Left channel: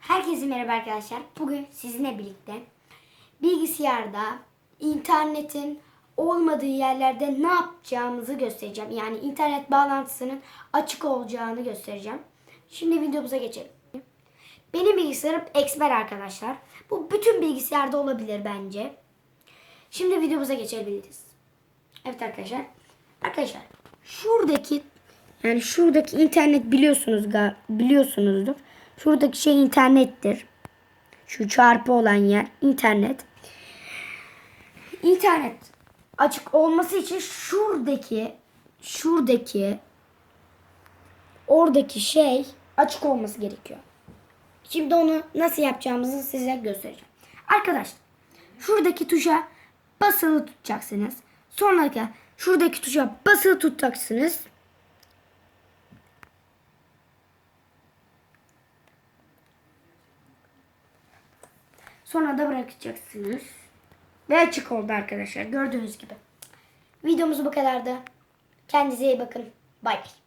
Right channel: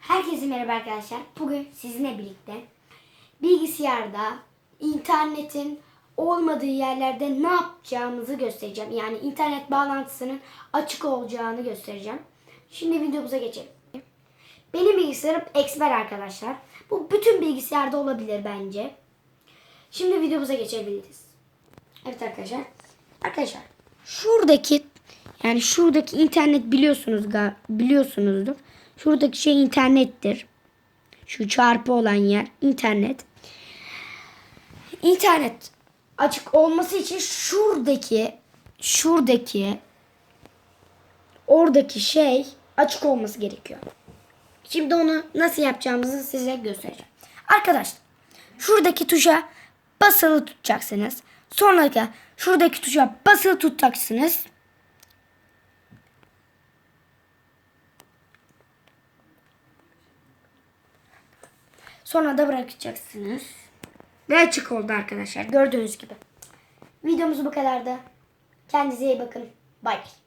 Herkese merhaba arkadaşlar. Bugün sizinle birlikte bilgisayarda internetin olmadığı yerlerde ne yapacağımızı göstereceğim. Yani internet bağlantısının açık olacağını göstereceğim. Şimdi videomuza geçelim. Benim bilgisayarım Expert arkadaşlar. Bu bütün bilgisayarda olabilir bence. Şimdi videomuza geçebiliriz. Evet arkadaşlar. Arkadaşlar şuradaki yani şuradaki internet biliyorsunuz biliyorsunuzdur. Şuradaki şey internettir. Şu çarpı olan yer internet. İnternet açık olması için şuradaki şuradaki oradaki şey açık olması gerekiyor. Şimdi onu nasıl yapacağımızı size göstereceğim. Arkadaşlar şuradaki tuşa basılı tutacaksınız. Sonra da şuradaki tuşa basılı tutacaksınız. Sonra da bırakacaksınız. Ve açık oldu arkadaşlar. Gördüğünüz gibi. Videomuz bu kadardı. Kendinize iyi bakın. Bay bay.